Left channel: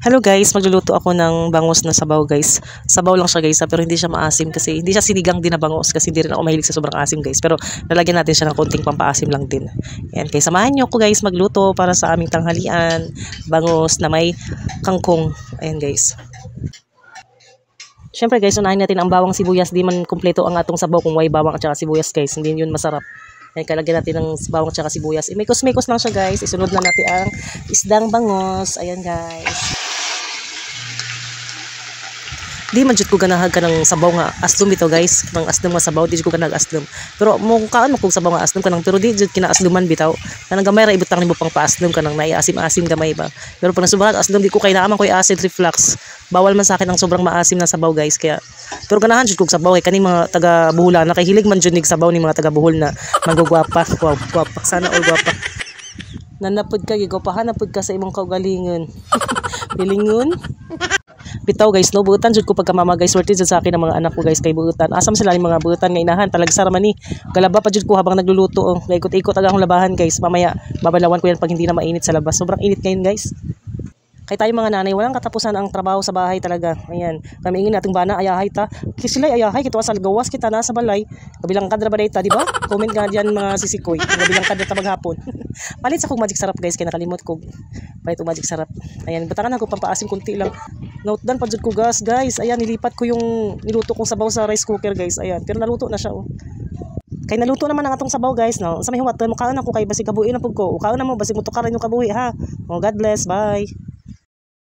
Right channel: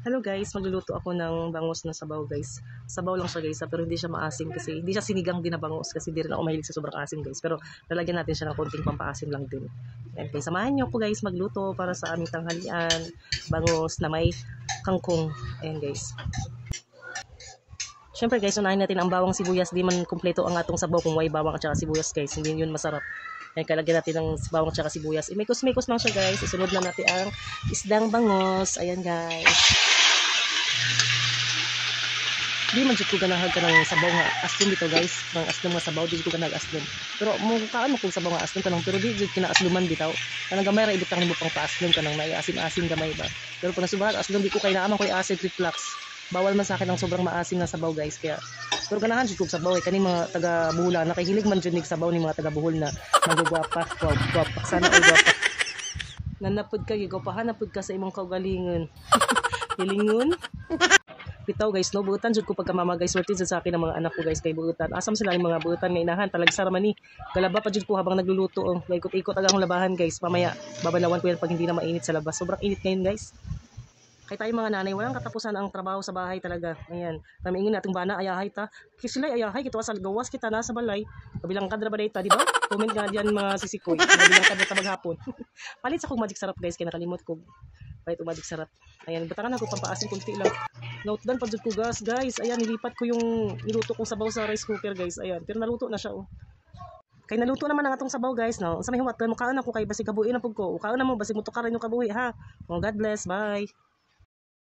Hello guys, magluluto ako ng bangus na sabaw guys. Sabaw lang siya guys, pero hindi siya maasim kasi hindi siya sinigang din na bangus kasi hindi rin ako mahilig sa sobrang asim guys. Pero lalagyan natin siya ng konting pampaasim lang din. Yan, kaya samahan niyo ako guys magluto para sa aming tanghalian. Bangus na may kangkong. Ayan guys. Siyempre guys, unahin natin ang bawang sibuyas. Di man kumpleto ang atong sabaw kung may bawang at saka sibuyas guys. Hindi yun masarap. Ayan, kalagyan natin ng bawang at saka sibuyas. Imikos-mikos lang siya guys. Isunod na natin ang isdang bangus. Ayan guys. Di man jud ko ganahag ka ng sabaw nga aslom bitaw guys, ng aslom nga sabaw di jud ko ganahag aslom. Pero mo kaano kung sabaw nga aslom kanang pero di jud kinaasluman bitaw. Kanang gamay ra ibutang nimo pang paaslom kanang naiasim-asim gamay ba. Pero pag nasubukan aslom di ko kay naaman ko acid reflux. Bawal man sa akin ang sobrang maasim na sabaw guys kaya. Pero ganahan jud kog sabaw kay kani mga taga Buholan na kay hilig man jud nig sabaw ni mga taga Bohol na manggugwapa. Wow, gwapa sana ay gwapa. Nanapod ka gigopahan napod ka sa imong kaugalingon. Bilingon. Bitaw guys no buutan jud ko pagka mama guys worth it sa akin ang mga anak ko guys kay buutan asam sila ni mga buutan nga inahan talagsa ra man ni galaba pa jud ko habang nagluluto oh. Ikot-ikot aga akong labahan guys mamaya babalawan ko yan pag hindi na mainit sa labas sobrang init ngayon guys. Kay tayo mga nanay walang katapusan ang trabaho sa bahay talaga. Ayan, kami ingin nating bana ayahay ta. Kasi sila ayahay kita sa gawas kita na sa balay. Kabilang kadra ba dayta, di ba? Comment nga diyan mga sisikoy. Kabilang kadra ta maghapon. Palit sa kog magic sarap guys kay nakalimot ko. Palit og magic sarap. Ayan, butangan ako pampaasim kunti lang. Note down pa jud ko gas guys. Ayan, nilipat ko yung niluto kong sabaw sa rice cooker guys. Ayan, pero naluto na siya oh. Kay naluto naman ang atong sabaw guys no. Sa may huwat mo kaon ako kay basig kabuhi na pug ko. Kaon na mo basig mo tukaran yung kabuhi ha. Oh, God bless. Bye.